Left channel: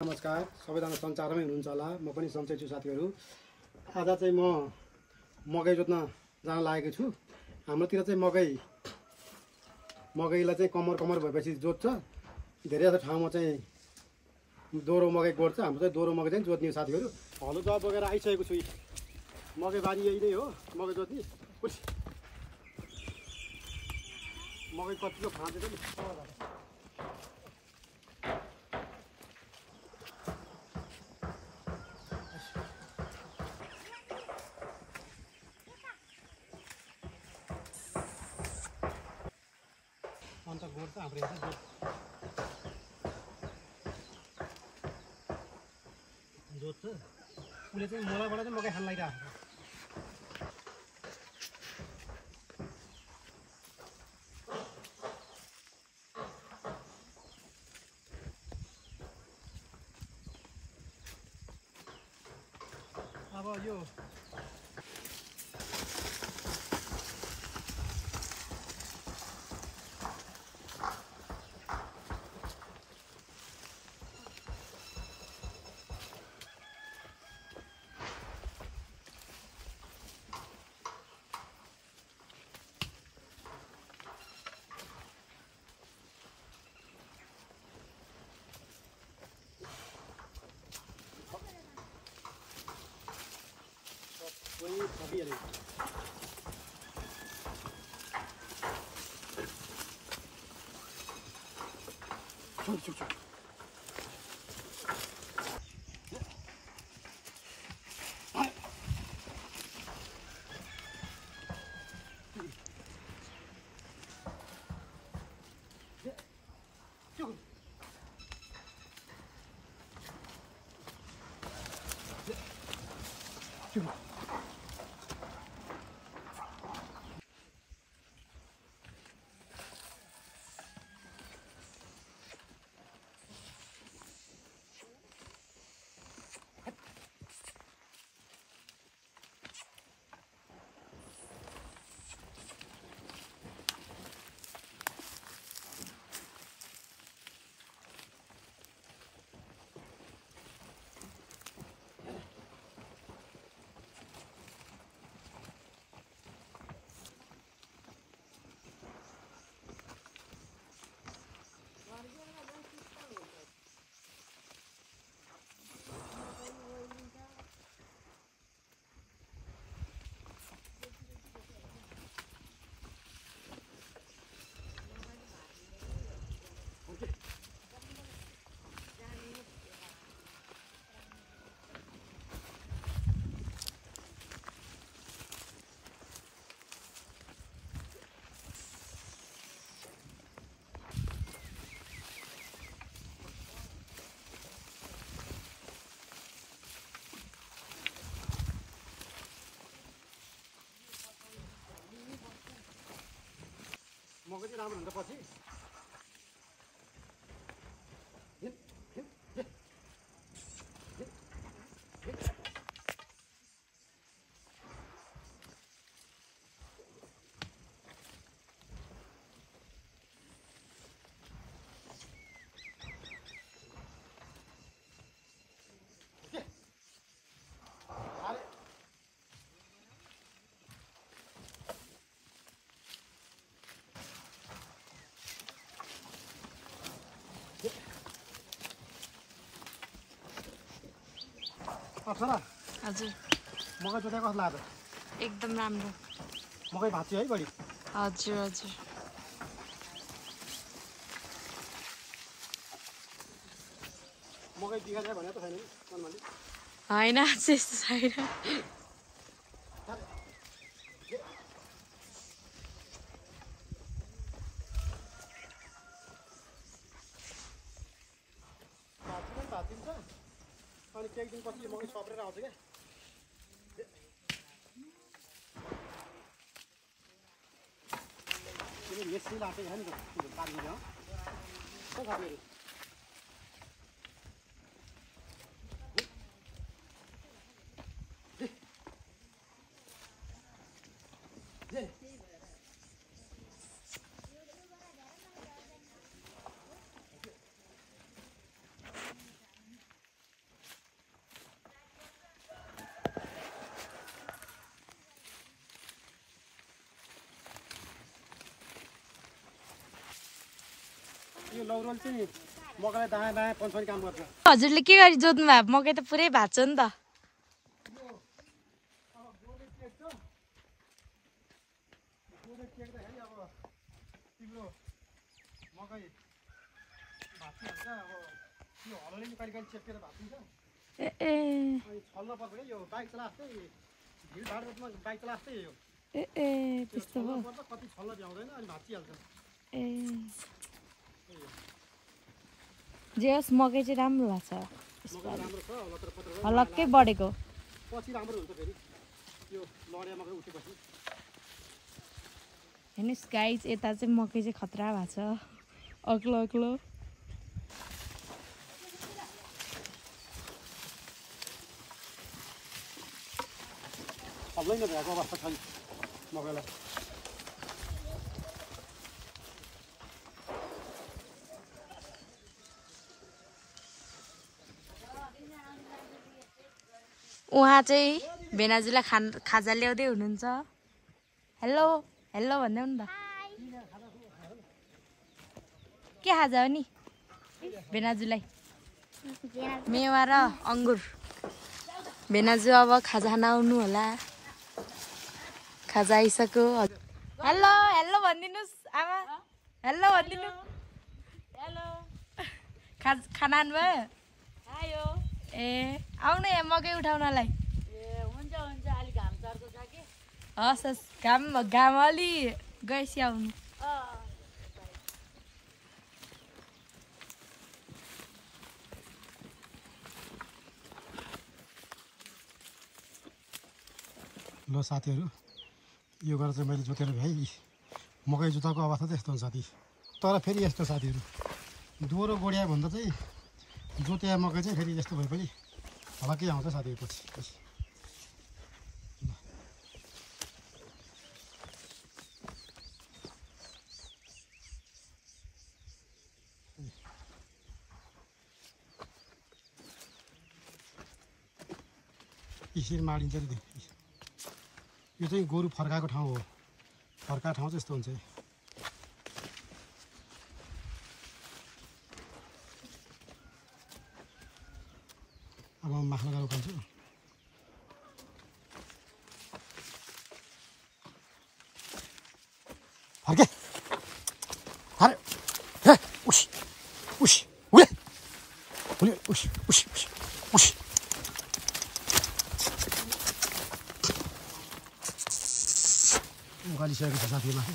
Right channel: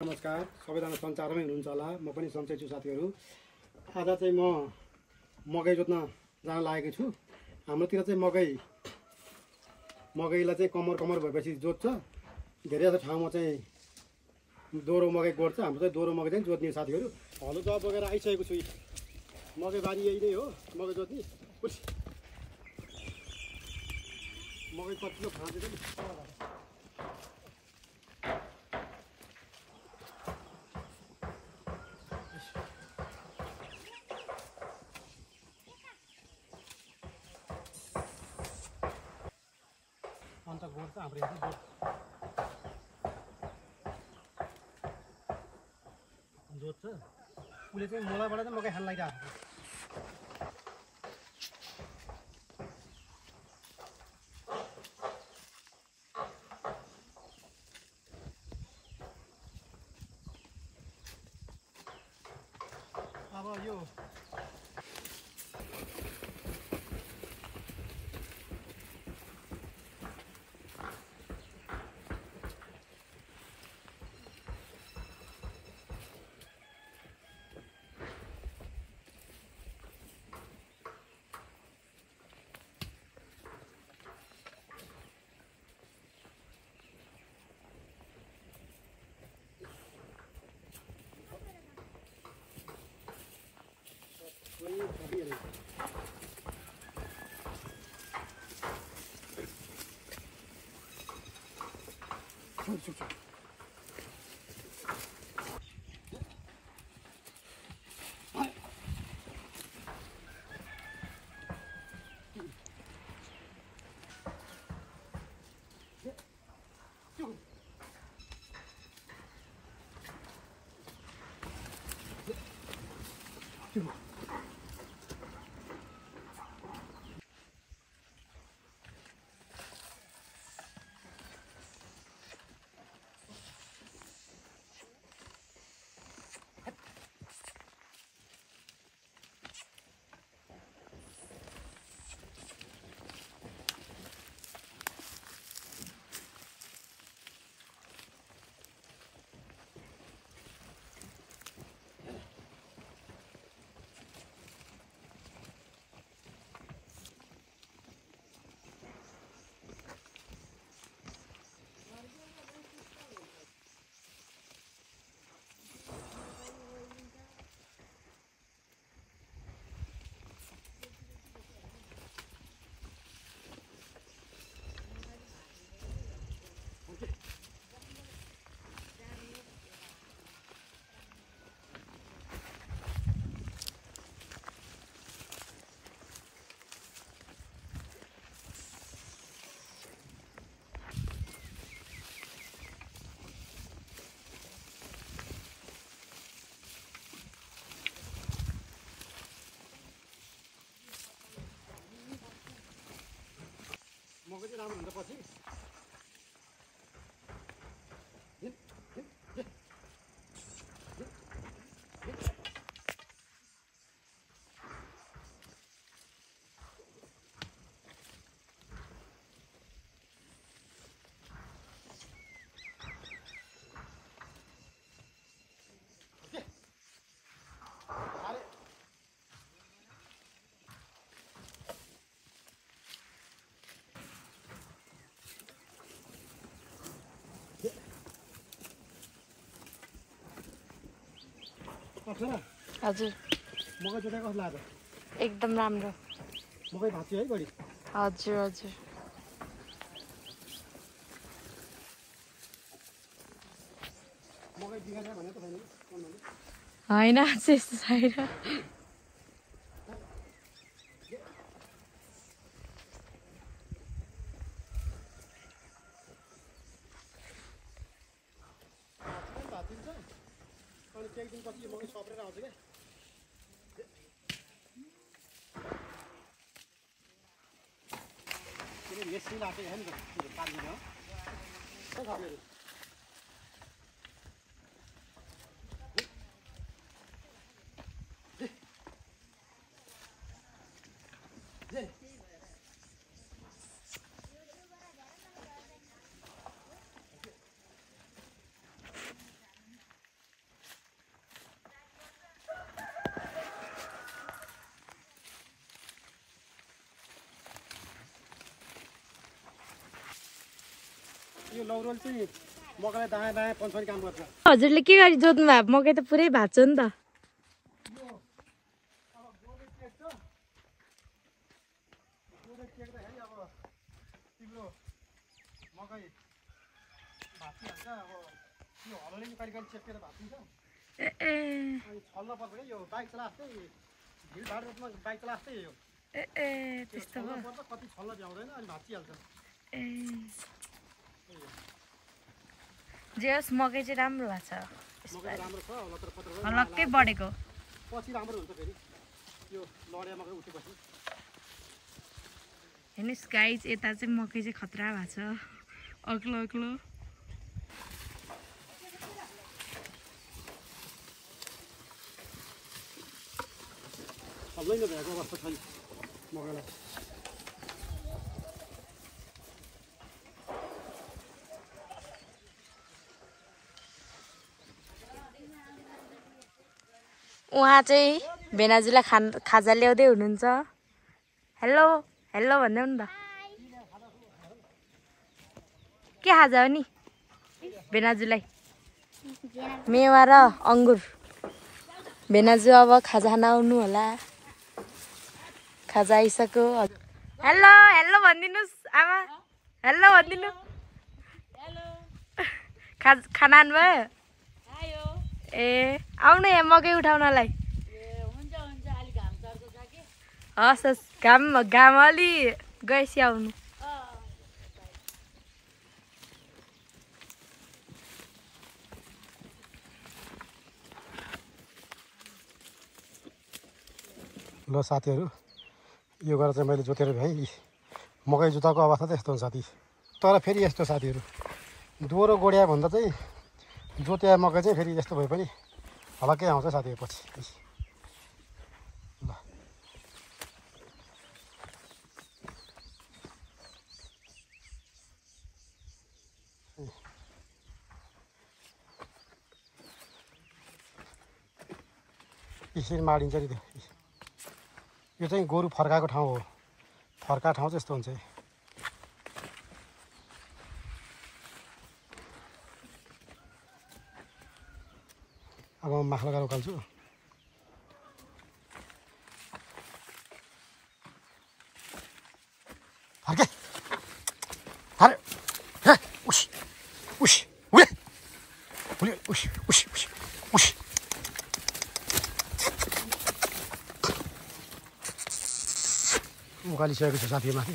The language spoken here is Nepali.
नमस्कार, सबैजना सञ्चारमै हुनुहुन्छ होला। म पनि सन्चै छु साथीहरू। आज चाहिँ म मकै जोत्न जान लागेको छु। हाम्रोतिर चाहिँ मकैलाई चाहिँ कमर भएपछि जोत्छ। धेरै जस्तो ठाउँमा चाहिँ दोहोरो मकै गोड्छ। हाम्रो चाहिँ दोहोरो मकै चाहिँ जोत्ने साथीहरू। हलो जब बोकेर आइसकेको छु। मकै बारी यही नै हो, मकै जोत्ने। मकै कतिको खाँदैछ नि। अन्त गोड्छ हाम्रो यहाँ चाहिँ जोत्छ। उसले चाहिँ मोलाबाट चाहिँ मकै खान लागिरहेको छ। अब यो वही अभी नहीं चुप मकै चाहिँ राम्रो हुन्छ पछि। हजुर मकै जोतेको कस्तो लाग्छ? एकदम राम्रो। मकै भाँच्यो है बढी? हजुर हजुर मकै बिगार्छ भने त छैन नि मनमाले। होइन त्यस्तो छैन। भाँचिन्छ अनि केही दिनपछि यो मकै सप्रेर आउँछ क्या। मेसिन लाग्छ क्या नि त पारिदिन्छ हो साथीहरू। लौरोल चाहिँ मकैलाई दायाँ बायाँ पन्छाउने काम गर्छ। हजुरले के गरी जोत्नु भयो? मकै त पुरै भएको छ नि त। तिम्रो मकै भाँचिहाल्छ। अब यो हलोले नि कहिले कहिले चेप्केर भाँचिन्छ। अनि छल्न पर्छ क्या यो बाइक चलाएकै भिडभाड रूपमा बाइक चलाएकै यो त्यस्तो छल्न पर्छ। कति छल्न भ्याउँदैन अनि भाँचिहाल्छ। जे होस् मकै चाहिँ राम्रो भएको छ। मकै राम्रो छ लतर पत्र हलक्कै बढेको। पछि राम्रो हुन्छ फेरि यो लड्या मकै उठेपछि। हेर्नुहोस् गाइज यता चाहिँ मकै चाहिँ खतरा भएको छ अग्लो अग्लो। हल्लै नभएको अवस्था छ मकैलाई। उहाँ चाहिँ भेनाजुलाई खाजा ल्याउँदै हुनुहुन्छ। हेलो हेलो भन्दै नि त। के खाजा हो नि भेनाजुलाई? मेवा र अङ्गुर। भेनाजु अब खाजा खान आउनु होला। खाजा आइसक्यो। हेलो हेलो भनिदिनुहोस् आमा। हेलो भनिदिनु। खाना खानुभयो? ए आउनु यहाँ मकै उठाउनलाई। हस् हस् घाम अलि गएपछि आउनु। ल साथीहरू यो गरेर चाहिँ मैले जोतेर भ्याएँ। मकै जुत्ताको अवस्था चाहिँ यस्तो हुन्छ साथी। तर फेरि यस्तो साथीहरू दोहोरो गोड्या भन्दा चाहिँ जोत्या मकै चाहिँ फेरि यस्तो भए पनि हलक्कै आउँछ साथीहरू पछि। ल यसरी माडिन्छ नि। यो चाहिँ गोरु फर्काएको ठाउँ हो। फर्का ठाउँ चाहिँ यस्तो हुन्छ। अब म माखा लगाएर उकाल्छु। फर्के अरे उस उस उले उले उस उस उस उकालिसकेको छ साथी माथि।